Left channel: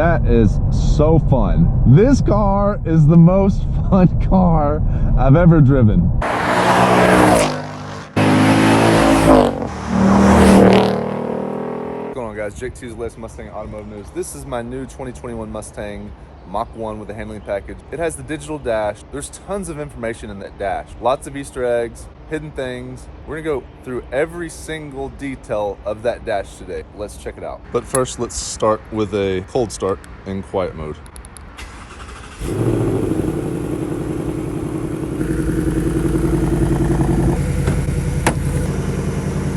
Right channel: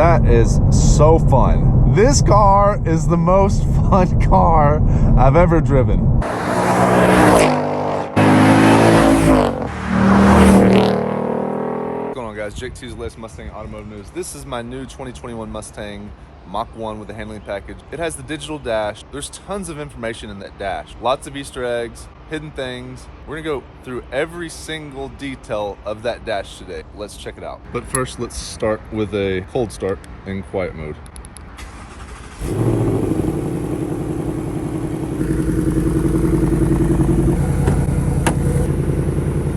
that is so fun. This car is the most fun car I've ever driven. What's going on, guys? Jake T's latest Mustang Automotive News. This is my new 2021 Mustang Mach 1 with a handling package. It has the digital dash. There's tons of information in that dash. Lots of Easter eggs, hidden things. We're gonna go through every single detail of that dash today. Let's check it out. But first, let's start with a cold start in quiet mode.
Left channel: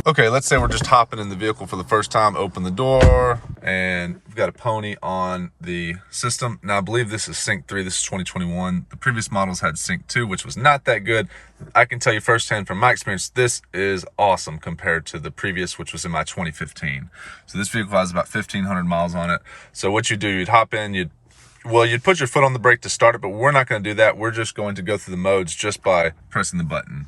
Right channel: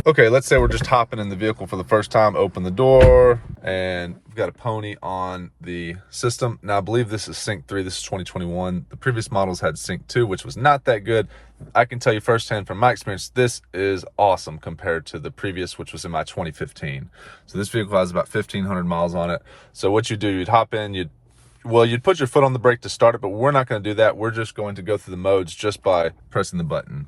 Okay, let's say we're just hopping in the vehicle for the first time, open the door, and we've got a pony on the system. Now, I believe this is Sync 3, this is 2021. The previous models had Sync 2, which was not that good. I can tell you firsthand from my experience, this is awesome compared to the previous, which was in my 2015. So this vehicle has about 1,500 miles on it. So what you do, you'd hop in, you'd put your foot on the brake to start it, but we're not gonna do that. We're just going to go through the modes just by pressing the button.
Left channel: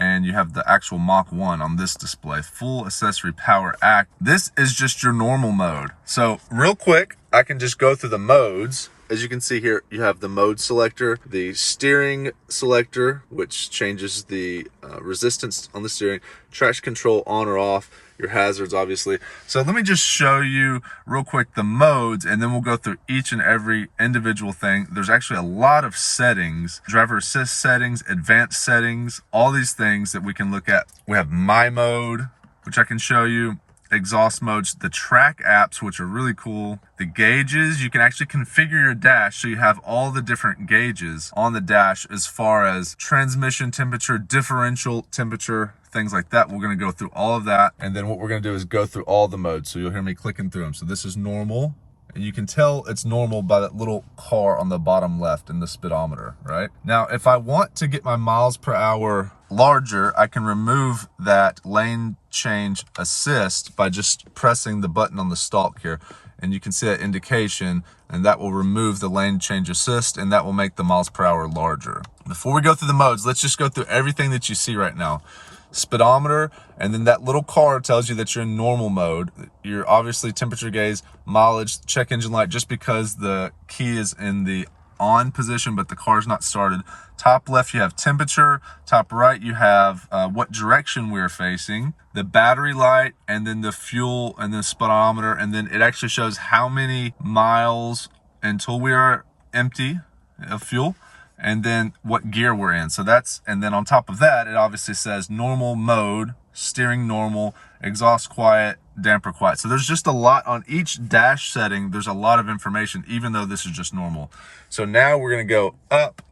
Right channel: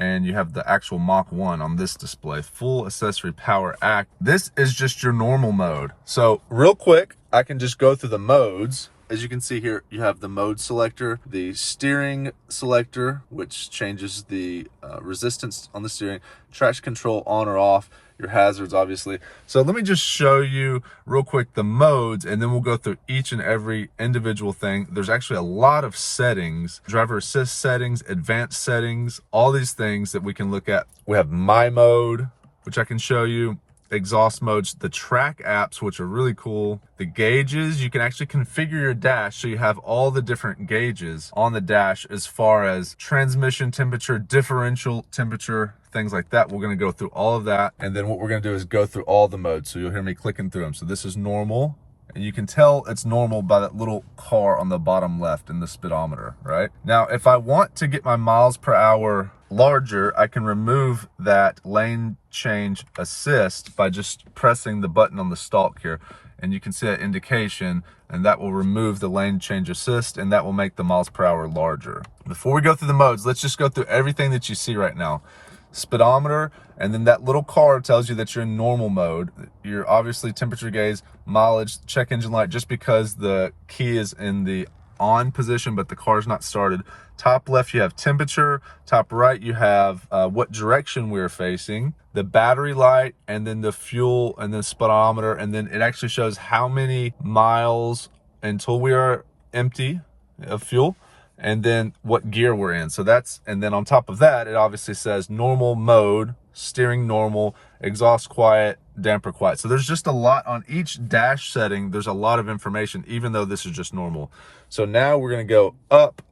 And you have the actual Mach 1 on this display, full accessory power act. This is just your normal mode. So real quick, I can just go through the modes. As you can see here, you have the mode selector, the steering selector, which changes the resistance on the steering, traction control on or off, your hazards, obviously. So let me just show you real quick the modes, and then we'll go through each and every individual thing. There's actually a lot of settings, driver assist settings, advanced settings, all these things that we can look at. We have my mode, which I can show you, exhaust modes, the track apps, which are really cool, the gauges. You can actually configure your dash so you have all the different gauges on the dash as far as transmission temperature, differential temperature, things like that. We're going to go through all of that, and then what we're going to do is go through all the modes. So you'll hear me clicking through them. So this is normal, and you can tell it's normal by that little car on the bottom left in the speedometer, right? Now, if I want to get my miles per hour larger, I can remove that lane change assist by just pressing the button on the stalk here, and you can see that indication, and that will remove the lane change assist, and that will make the miles per hour larger. Before we go through the modes, let's just go through everything that you see right now. Speedometer, and then that little car tells you that you're in normal mode. You're obviously temperature gauge, mileage, check engine light, just because the key is in the on position, but the car's not started. Top left, you have temperature. Top right, you have what direction we're facing, the battery light, and then the fuel, and the speedometer, and then it actually shows how many miles until we are empty of fuel, and then what gear we're in. So that's, and then on top of that, it obviously says normal mode, steering normal, exhaust quiet, damper quiet. So there's just a lot on each dash setting. There's a lot of information, even though this is just normal. So now we're gonna go up.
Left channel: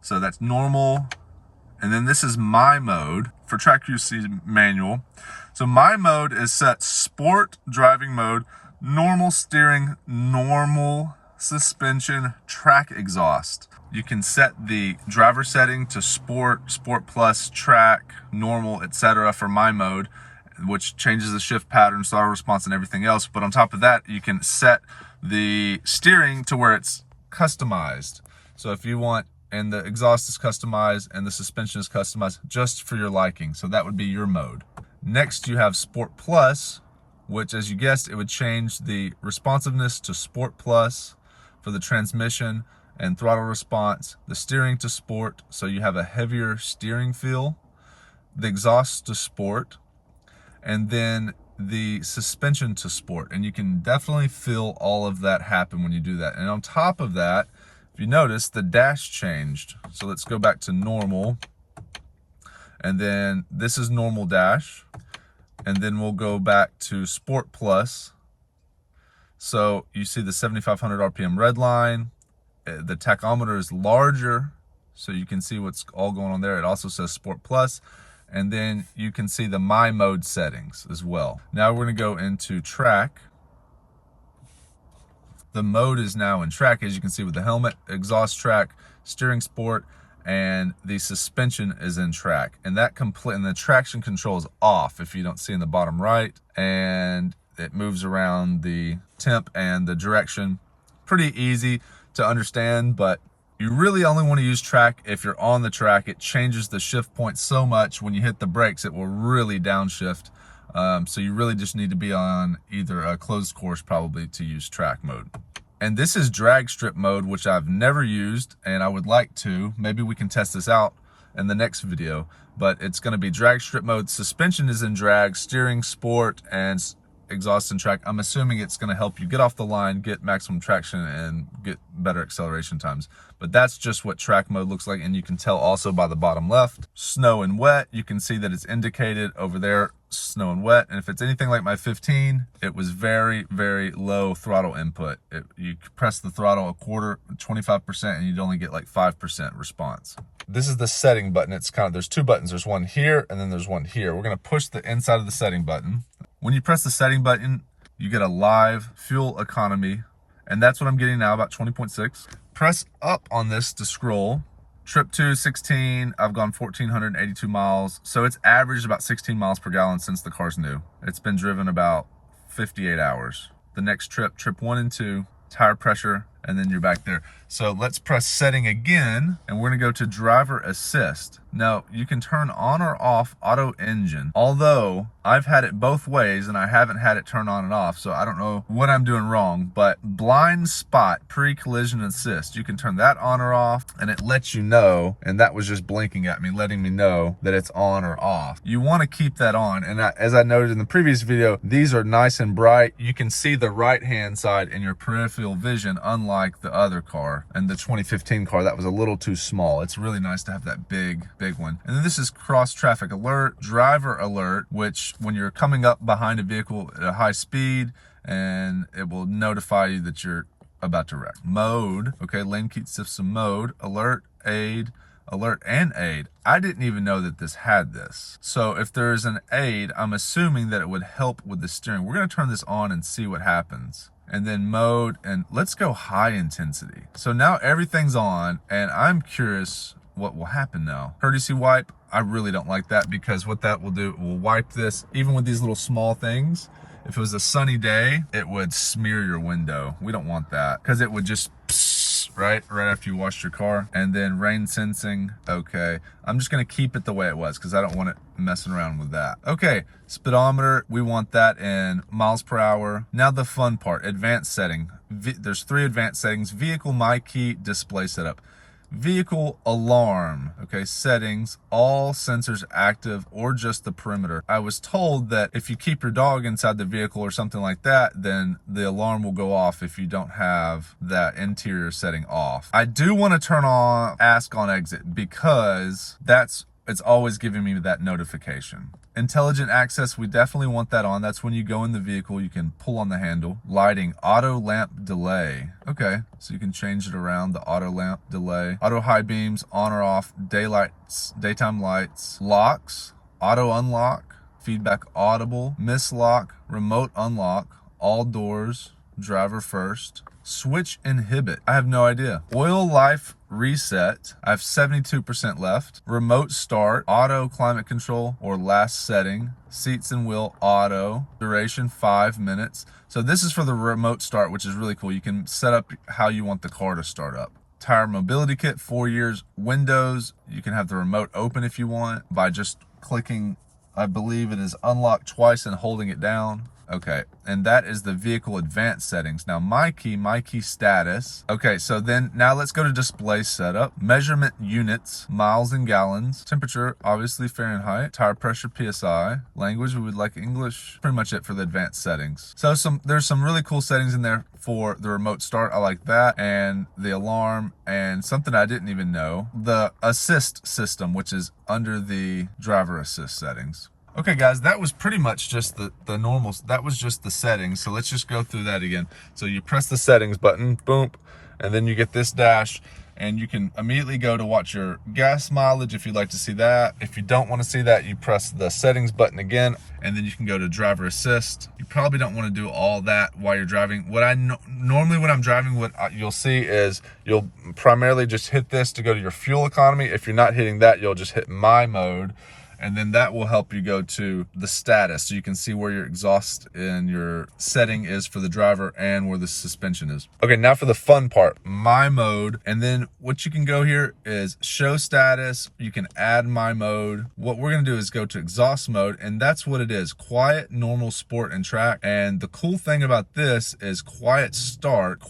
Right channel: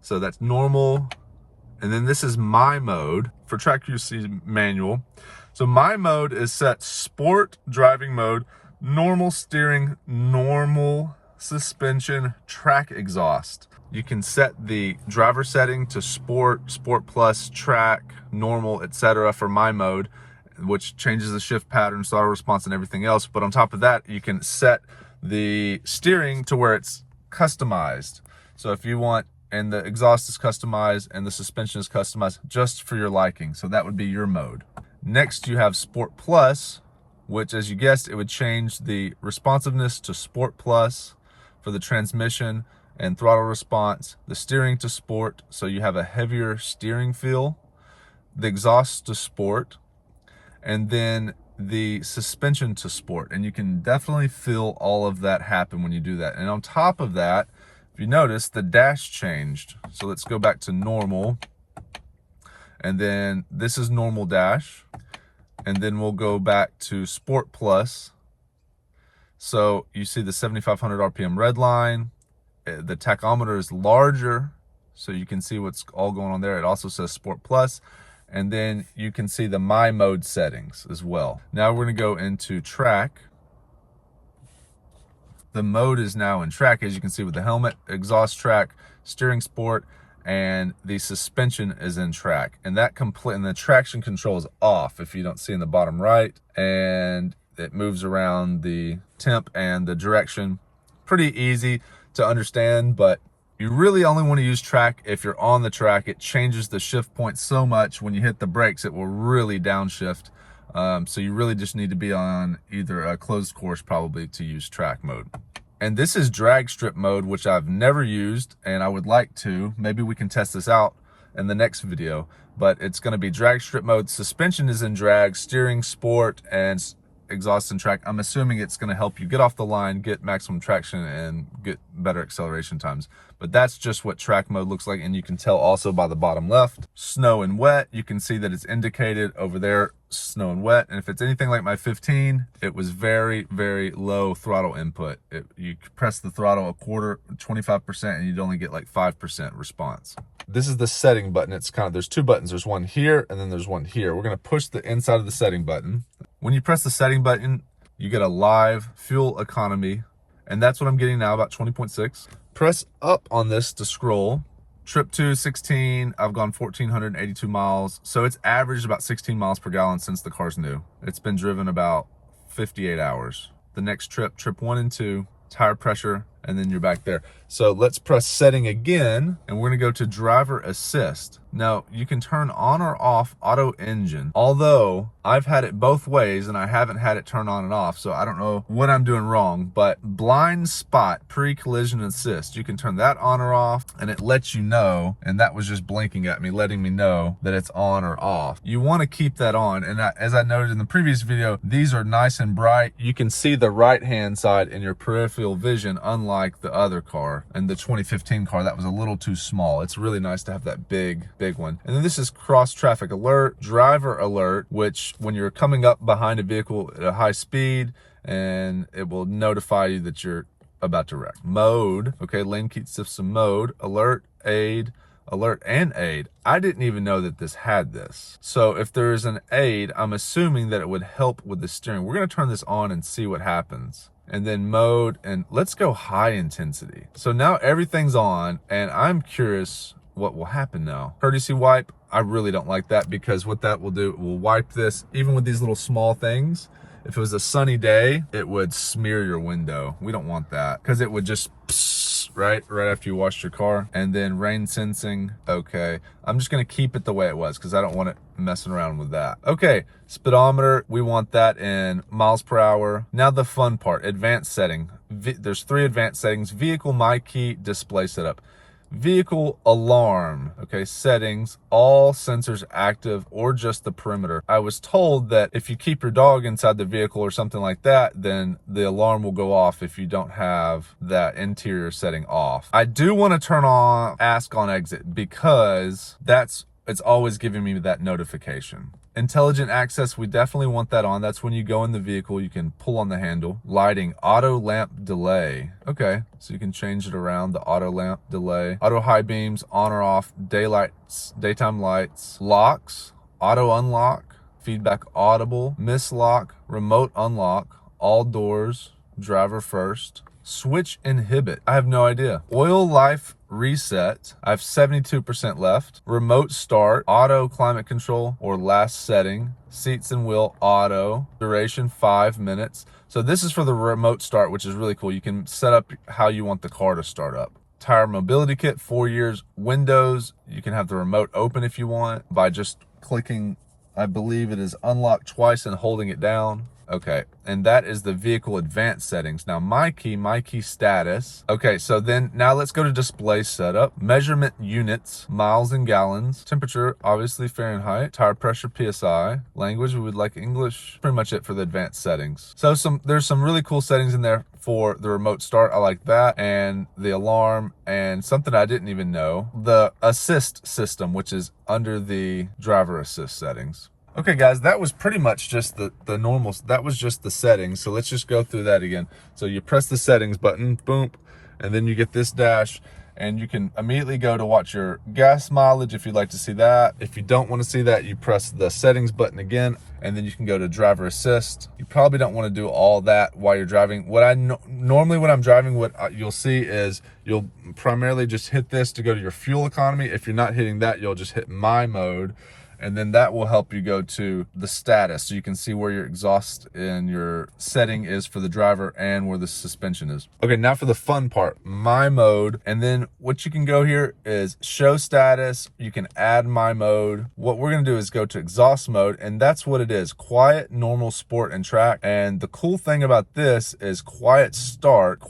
So that's normal. And then this is my mode for track UC manual. So my mode is set sport driving mode, normal steering, normal suspension, track exhaust. You can set the driver setting to sport, sport plus, track, normal, etc. for my mode, which changes the shift pattern, throttle response, and everything else. But on top of that, you can set the steering to where it's customized. So if you want, and the exhaust is customized and the suspension is customized just for your liking. So that would be your mode. Next, you have Sport Plus, which, as you guessed, it would change the responsiveness to Sport Plus for the transmission and throttle response, the steering to sport, so you have a heavier steering feel, the exhaust to sport, and then the suspension to sport. And you can definitely feel all of that happen when you do that. And on top of that, if you notice, the dash changed. So let's go back to normal, and then this is normal dash, and then we'll go back to Sport Plus. So you see the 7,500 RPM red line. The tachometer is larger, so you can see what's all going on there. It also says Sport Plus, and then you can see the My Mode settings as well. Now we're gonna go into track. The mode is now in track, as you can see, with the helmet, exhaust track, steering sport, and the suspension is in track. And that and the traction control is off, if you don't see in the bottom right, and it moves around the temp and the direction. Pretty easy to understand, but you really only want to use track if you're on the track. It changes the shift point so much. When you hit the brakes, it will really downshift So you really just need to be on either a closed course probably to use track mode. And this is drag strip mode, which I've never used and I would like to. Maybe we can test this out in the next video, but it's gonna be drag strip mode. Suspension is in drag, steering sport, and exhaust and track. I'm assuming it's gonna help you get off the line, get maximum traction, and get better acceleration times. But that's just what track mode looks like, and you can tell also by the bottom left. Snow and wet, you can see that it's indicated over there, snow and wet. And if it's anything like my 15, it was very, very low throttle input. You press the throttle a quarter, 25%, and you'd only get like 5% response. This is the setting button. It's kind of, there's two buttons. There's one here, and then there's one here. We're gonna push the inside of the setting button. When you press the setting button, you get a live fuel economy, and that's what I'm getting now, about 20.6. Press up on this to scroll. Trip to 16, I've gone 1,482 miles. So it's averaged about 16 miles per gallon since the car's new. It's been driven about 58 hours. The next trip, trip 1 and 2, tire pressure, and then you're back there. So let's press setting again, and we're gonna go to driver assist. Now, you can turn on or off auto engine, although I've had it both ways and I haven't had it turn on and off, so I don't know what I'm doing wrong. But blind spot pre-collision assist, you can turn that on or off, and it lets you know, and that was just blinking at me, letting me know that it's on or off. You wanna keep that on, and as I noted in the previous video, these are nice and bright. You can see the right-hand side in your peripheral vision, unlike the other car. And the 2015 car, that was a little too small. It's really nice to have that big one. And then this is cross traffic alert, driver alert, which when you're coming up behind a vehicle at a high speed, and it will notify you that you're about to wreck. Mode, okay, lane keep system mode, alert, aid, alert and aid. I didn't even know that this had this. So if there is an aid, I'm assuming that it would help with the steering. We're gonna turn this on and see what happens. And then mode, and let's go high intensity. So now everything's on, and I'm curious what will happen now. Courtesy wipe, I really don't like that, because what that will do, it will wipe this, even with these little small things. If it was a sunny day, it would smear your window. We don't want that, because it would just right after you washed your car. And then rain sensing, okay. I'm just gonna keep it the way it was, because I don't want it messing around with that. Okay, speedometer, we want that in miles per hour. Now the fun part, advanced setting. There's 3 advanced settings: vehicle, my key, display setup. Vehicle alarm, okay, settings, all sensors active or just the perimeter. I was told that if you keep your dog inside the vehicle or something like that, then the alarm will go off if you don't have that interior setting off. I do want to turn on ask on exit, because it's always giving me that notification. Intelligent access, we definitely want that on. That's when you go in the vehicle, you can pull on the handle. Lighting, auto lamp delay. Okay, so you can change it around, the auto lamp delay. Auto high beams, on or off, daytime lights. Locks, auto unlock, feedback audible, mislock, remote unlock, all doors, driver first. Switch inhibit, I have no idea. Oil life reset, I have 72% left. Remote start, auto climate control or last setting. Seats and wheel auto, duration 5 minutes. So this is for the remote start, which is really cool. You can set up how you want the car to start up. Tire mobility kit, 4 years. Windows, you can have the remote open if you want by just clicking, I believe it is unlock twice and holding it down. Okay, and that is the vehicle advanced settings. Now my key status. Okay, so then now let's go to display setup. Measurement units, miles and gallons. Temperature, obviously Fahrenheit. Tire pressure, PSI. Language, we would like English. Pretty much it for the advanced settings. So there's some really cool settings in there for the remote start. I like that, and the alarm, and something I didn't even know, the assist system, which is under the driver assist settings. Okay guys, that was pretty much just the normal, that was just the settings. So let's just go through that again. So you press the settings button, boom, and then you get this dash, and you can immediately go to watch your gas mileage if you'd like to see that. If you don't want to see that, you press the settings button again, and then you can go to driver assist. You probably don't want to do all that while you're driving. Normally when I'm driving, what you'll see is you'll primarily just hit this to go to your fuel economy. If you're not hitting that, you'll just hit my mode. And then that will help you go to the status, so you can see where your exhaust and your setting is for the driver and where the suspension is. Okay, now for the fun part, my mode. And then what you can go here is show status. You can add my mode. What we're gonna do is go to exhaust mode, and that's what it is: quiet, normal, sport, and track. And the cool thing about this is quiet start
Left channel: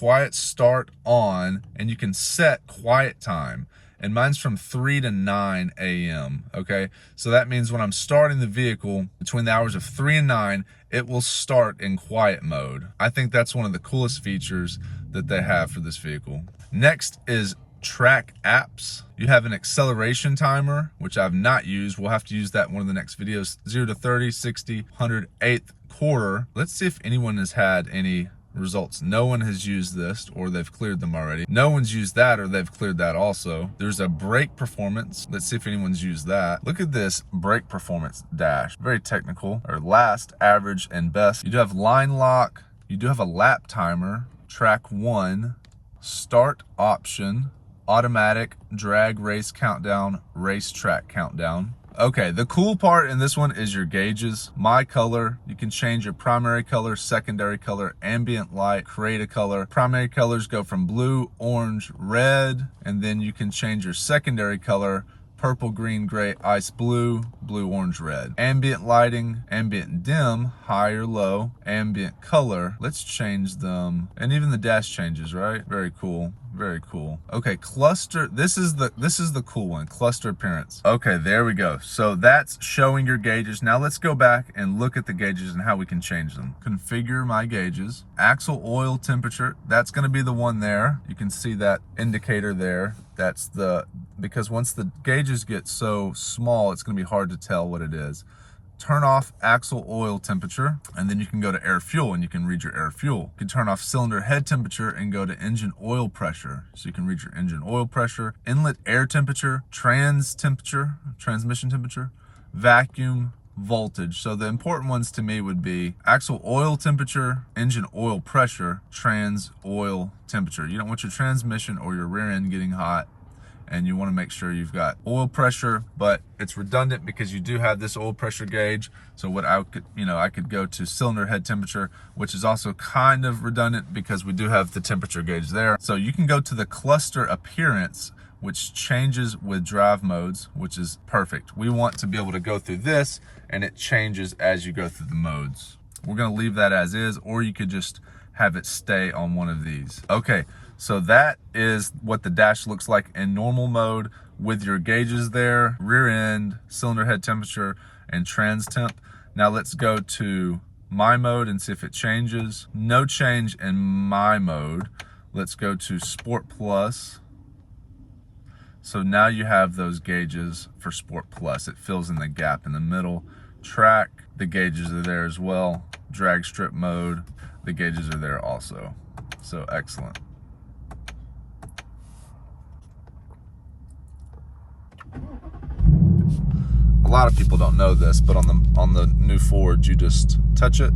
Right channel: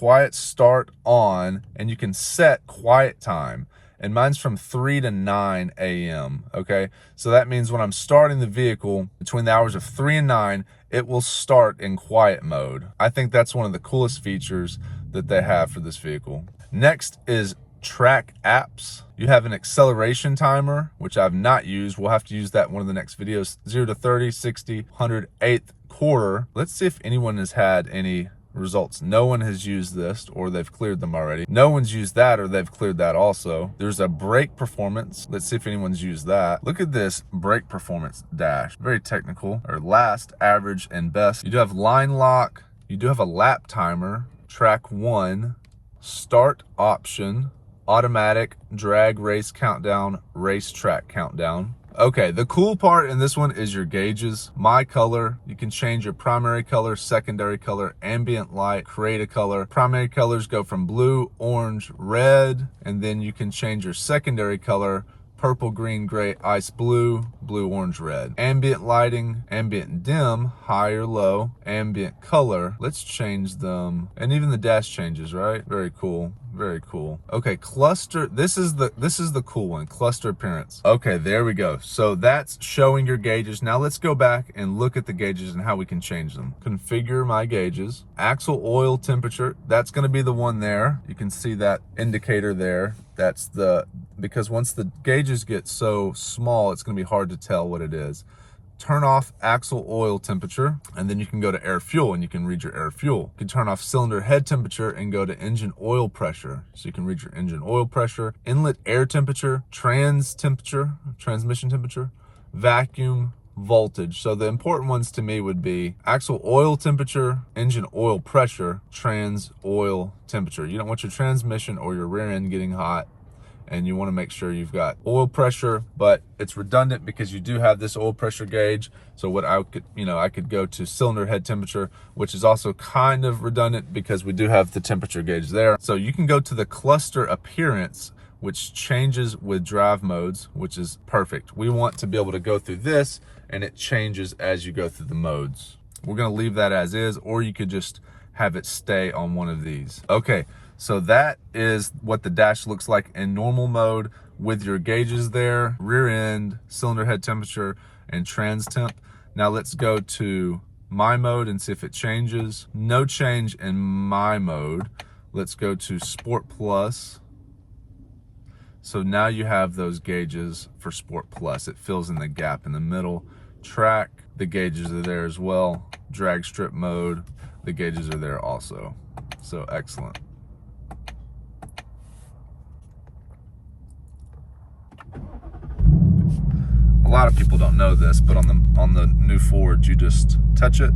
on, and you can set quiet time. And mine's from 3 to 9 a.m., okay? So that means when I'm starting the vehicle between the hours of 3 and 9, it will start in quiet mode. I think that's one of the coolest features that they have for this vehicle. Next is track apps. You have an acceleration timer, which I've not used. We'll have to use that in one of the next videos. 0 to 30, 60, 100, 8th quarter. Let's see if anyone has had any results. No one has used this, or they've cleared them already. No one's used that, or they've cleared that also. There's a brake performance. Let's see if anyone's used that. Look at this brake performance dash. Very technical. Or last, average, and best. You do have line lock. You do have a lap timer. Track 1. Start option. Automatic. Drag race countdown. Racetrack countdown. Okay, the cool part in this one is your gauges. My color, you can change your primary color, secondary color, ambient light, create a color. Primary colors go from blue, orange, red, and then you can change your secondary color: purple, green, gray, ice blue, blue, orange, red. Ambient lighting, ambient dim, high or low, ambient color. Let's change them. And even the dash changes, right? Very cool. Very cool. Okay, cluster. This is the cool one. Cluster appearance. Okay, there we go. So that's showing your gauges. Now let's go back and look at the gauges and how we can change them. Configure my gauges. Axle oil temperature. That's going to be the one there. You can see that indicator there. That's because once the gauges get so small, it's going to be hard to tell what it is. Turn off axle oil temperature, and then you can go to air fuel, and you can read your air fuel. You can turn off cylinder head temperature and go to engine oil pressure, so you can read your engine oil pressure. Inlet air temperature, transmission temperature, vacuum, voltage. So the important ones to me would be axle oil temperature, engine oil pressure, trans oil temperature. You don't want your transmission or your rear end getting hot, and you want to make sure you've got oil pressure, but it's redundant because you do have this oil pressure gauge. So what I could go to cylinder head temperature, which is also kind of redundant because we do have the temperature gauge there. So you can go to the cluster appearance, which changes with drive modes, which is perfect. We want to be able to go through this, and it changes as you go through the modes. We're going to leave that as is, or you could just have it stay on one of these. Okay. So that is what the dash looks like in normal mode with your gauges there, rear end, cylinder head temperature, and trans temp. Now let's go to my mode and see if it changes. No change in my mode. Let's go to Sport Plus. So now you have those gauges for Sport Plus. It fills in the gap in the middle. Track, the gauges are there as well. Drag strip mode, the gauges are there also. So excellent. A lot of people don't know this, but on the new Ford, you just touch it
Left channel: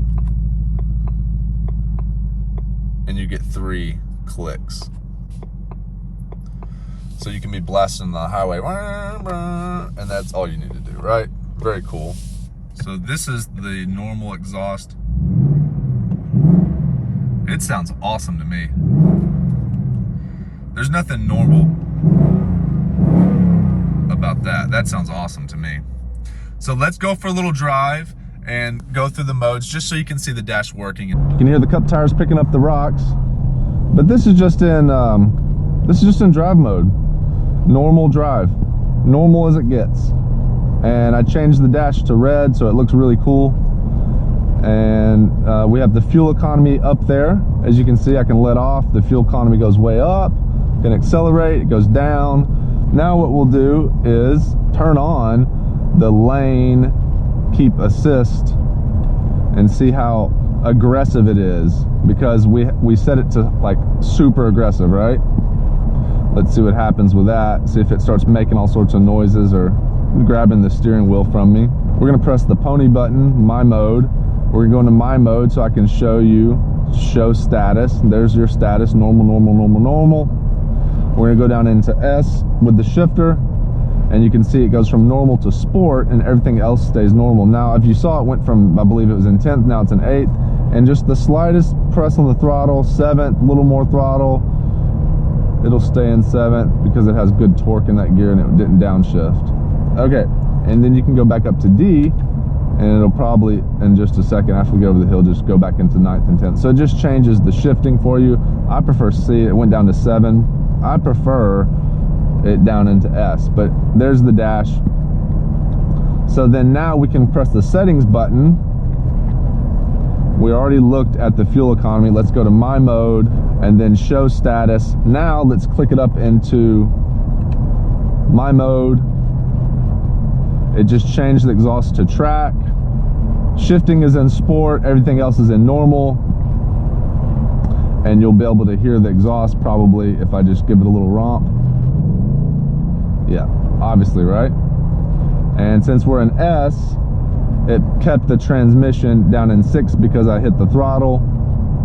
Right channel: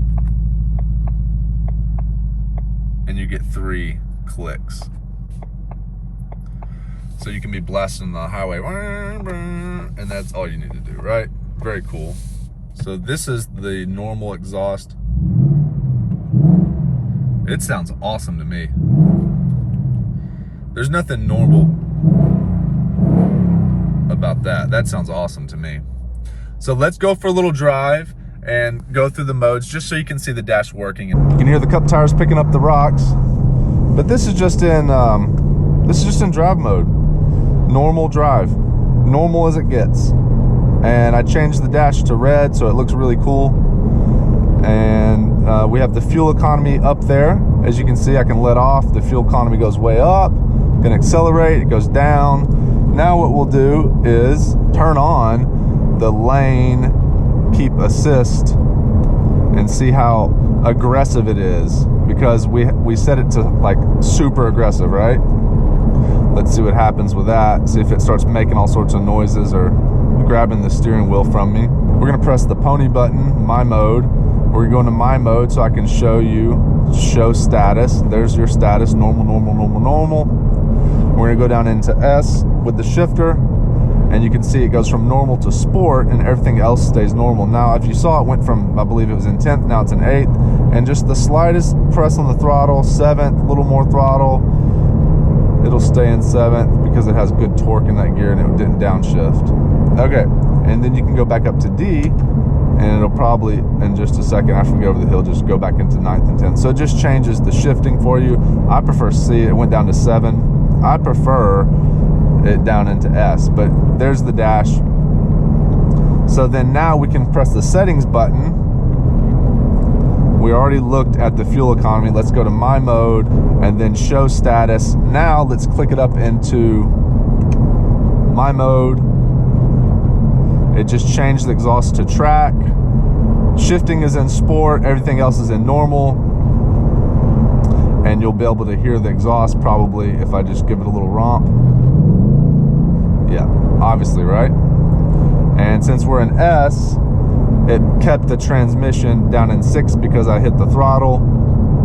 and you get 3 clicks. So you can be blasting the highway, and that's all you need to do, right? Very cool. So this is the normal exhaust. It sounds awesome to me. There's nothing normal about that. That sounds awesome to me. So let's go for a little drive and go through the modes just so you can see the dash working. You can hear the cup tires picking up the rocks, but this is just in drive mode. Normal drive, normal as it gets. And I changed the dash to red so it looks really cool. And we have the fuel economy up there. As you can see, I can let off. The fuel economy goes way up. Can accelerate, it goes down. Now what we'll do is turn on the lane keep assist and see how aggressive it is, because we set it to like super aggressive, right? Let's see what happens with that. See if it starts making all sorts of noises or grabbing the steering wheel from me. We're gonna press the pony button, my mode. We're gonna go into my mode so I can show you, show status. There's your status, normal, normal, normal, normal. We're gonna go down into S with the shifter, and you can see it goes from normal to sport, and everything else stays normal. Now, if you saw, it went from, I believe it was in 10th, now it's in 8th, and just the slightest press on the throttle, 7th, a little more throttle, it'll stay in 7th because it has good torque in that gear and it didn't downshift. Okay, and then you can go back up to D, and it'll probably, in just a second after we get over the hill, just go back into 9th and 10th. So it just changes the shifting for you. I prefer C. It went down to 7. I prefer it down into S, but there's the dash. So then now we can press the settings button. We already looked at the fuel economy. Let's go to my mode and then show status. Now let's click it up into my mode. It just changed the exhaust to track. Shifting is in sport, everything else is in normal. And you'll be able to hear the exhaust probably if I just give it a little romp. Yeah, obviously, right? And since we're in S, it kept the transmission down in 6 because I hit the throttle.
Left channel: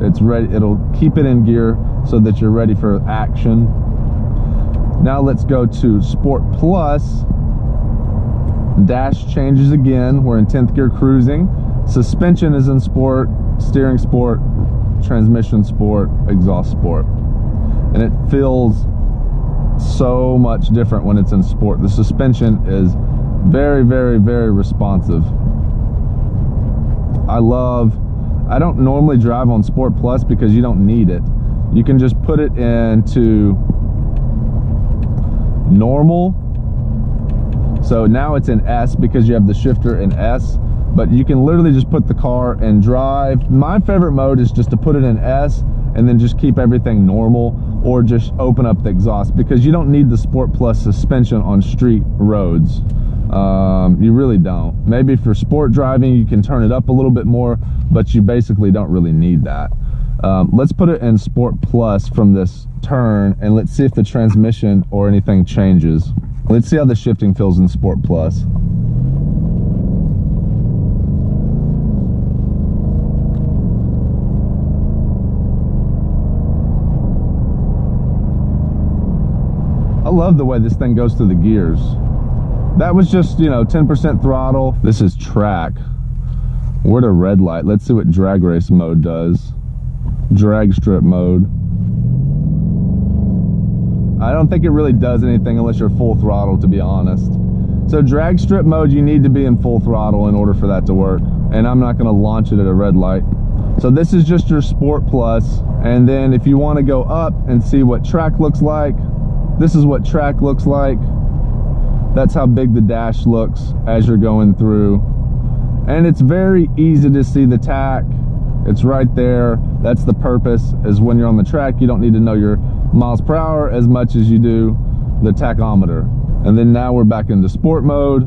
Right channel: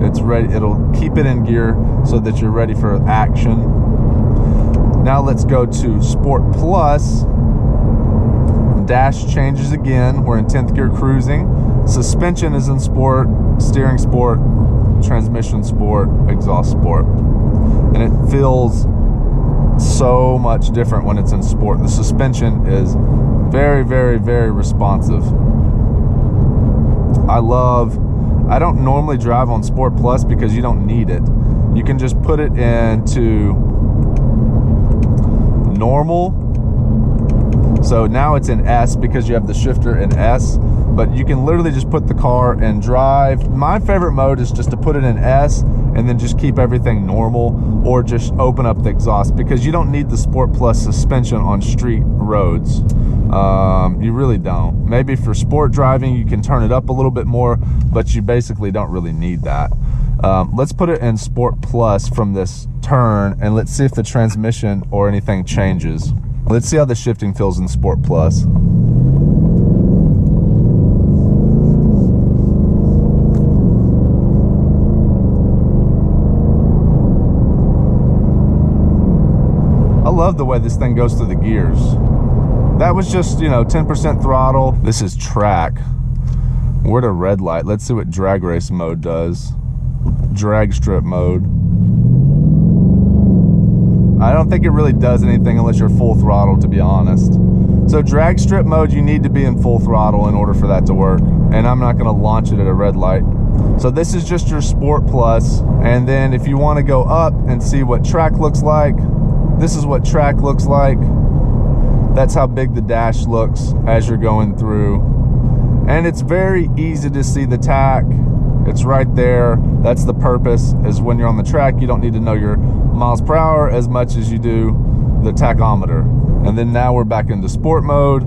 It's ready, it'll keep it in gear so that you're ready for action. Now let's go to Sport Plus. Dash changes again. We're in 10th gear cruising. Suspension is in sport, steering sport, transmission sport, exhaust sport. And it feels so much different when it's in sport. The suspension is very, very, very responsive. I don't normally drive on Sport Plus because you don't need it. You can just put it into normal. So now it's in S because you have the shifter in S, but you can literally just put the car in drive. My favorite mode is just to put it in S and then just keep everything normal, or just open up the exhaust, because you don't need the Sport Plus suspension on street roads. You really don't. Maybe for sport driving you can turn it up a little bit more, but you basically don't really need that. Let's put it in Sport Plus from this turn, and let's see if the transmission or anything changes. Let's see how the shifting feels in Sport Plus. I love the way this thing goes through the gears. That was just, 10% throttle. This is track. We're at a red light. Let's see what drag race mode does. Drag strip mode. I don't think it really does anything unless you're full throttle, to be honest. So drag strip mode, you need to be in full throttle in order for that to work. And I'm not gonna launch it at a red light. So this is just your Sport Plus. And then if you wanna go up and see what track looks like, this is what track looks like. That's how big the dash looks as you're going through. And it's very easy to see the tach. It's right there. That's the purpose, is when you're on the track, you don't need to know your miles per hour as much as you do the tachometer. And then now we're back into sport mode.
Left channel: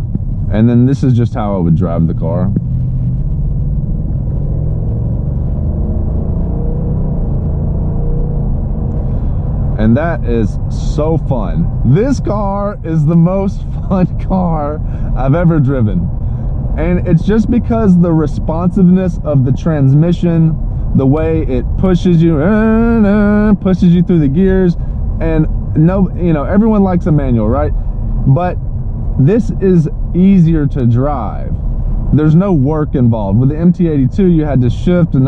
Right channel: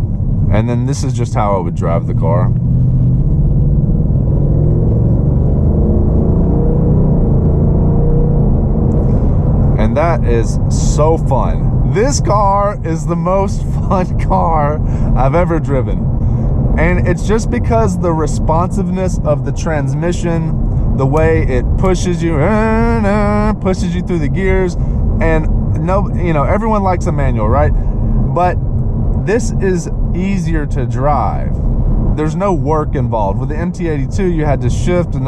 And then this is just how I would drive the car. And that is so fun. This car is the most fun car I've ever driven. And it's just because the responsiveness of the transmission, the way it pushes you through the gears. And no, everyone likes a manual, right? But this is easier to drive. There's no work involved. With the MT82, you had to shift and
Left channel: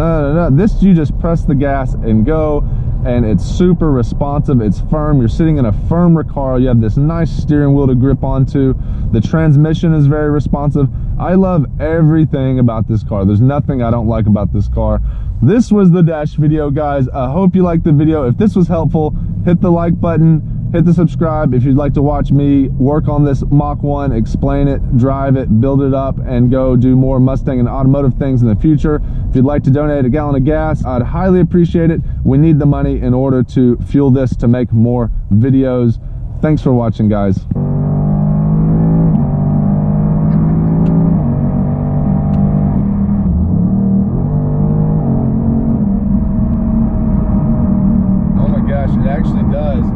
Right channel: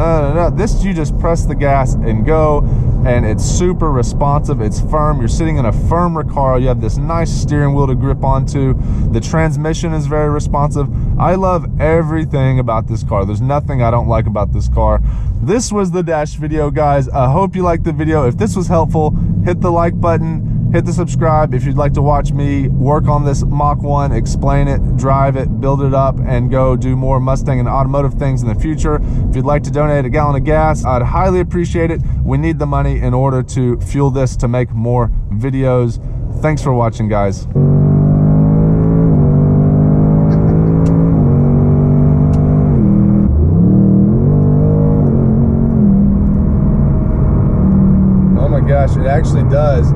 This, you just press the gas and go, and it's super responsive. It's firm. You're sitting in a firm Recaro. You have this nice steering wheel to grip onto. The transmission is very responsive. I love everything about this car. There's nothing I don't like about this car. This was the dash video, guys. I hope you liked the video. If this was helpful, hit the like button, hit the subscribe. If you'd like to watch me work on this Mach 1, explain it, drive it, build it up, and go do more Mustang and automotive things in the future. If you'd like to donate a gallon of gas, I'd highly appreciate it. We need the money in order to fuel this to make more videos. Thanks for watching, guys.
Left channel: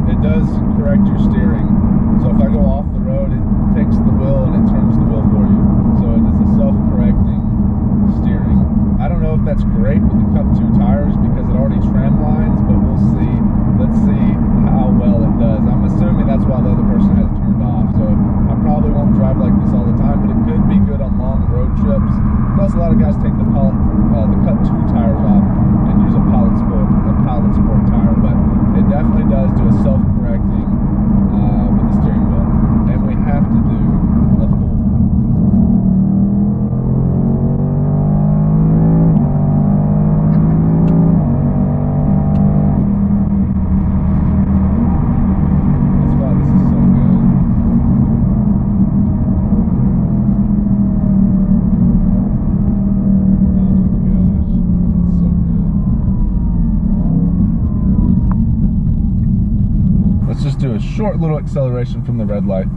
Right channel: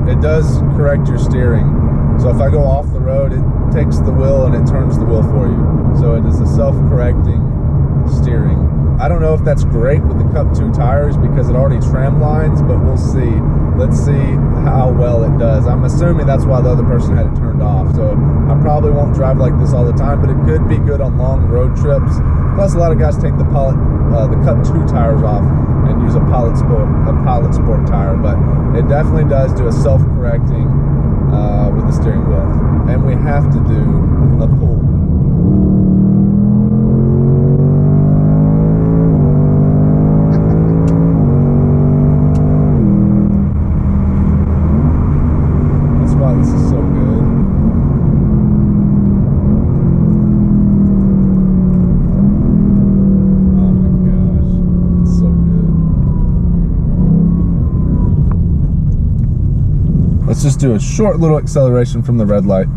It does correct your steering. So if I go off the road, it takes the wheel and it turns the wheel for you. So it is a self-correcting steering. I don't know if that's great with the Cup 2 tires because it already trim lines, but we'll see. Let's see how well it does. I'm assuming that's why the other person had it turned off. So I probably won't drive like this all the time, but it could be good on long road trips. Plus, a lot of guys take the Cup 2 tires off and use a Pilot Sport tire, but it definitely does do a self-correcting with the steering wheel. And we have to do a pull. That's why this is so good. Oh my gosh, it's so good. Let's just do a short little acceleration from the red light.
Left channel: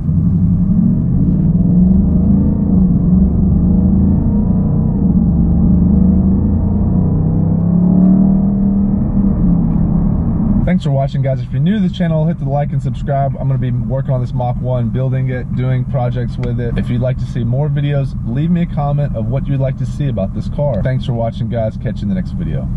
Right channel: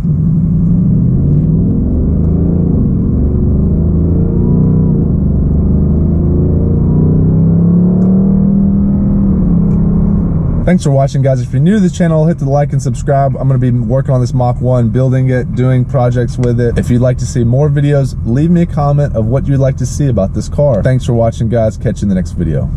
Thanks for watching, guys. If you're new to this channel, hit the like and subscribe. I'm going to be working on this Mach 1, building it, doing projects with it. If you'd like to see more videos, leave me a comment of what you'd like to see about this car. Thanks for watching, guys. Catch you in the next video.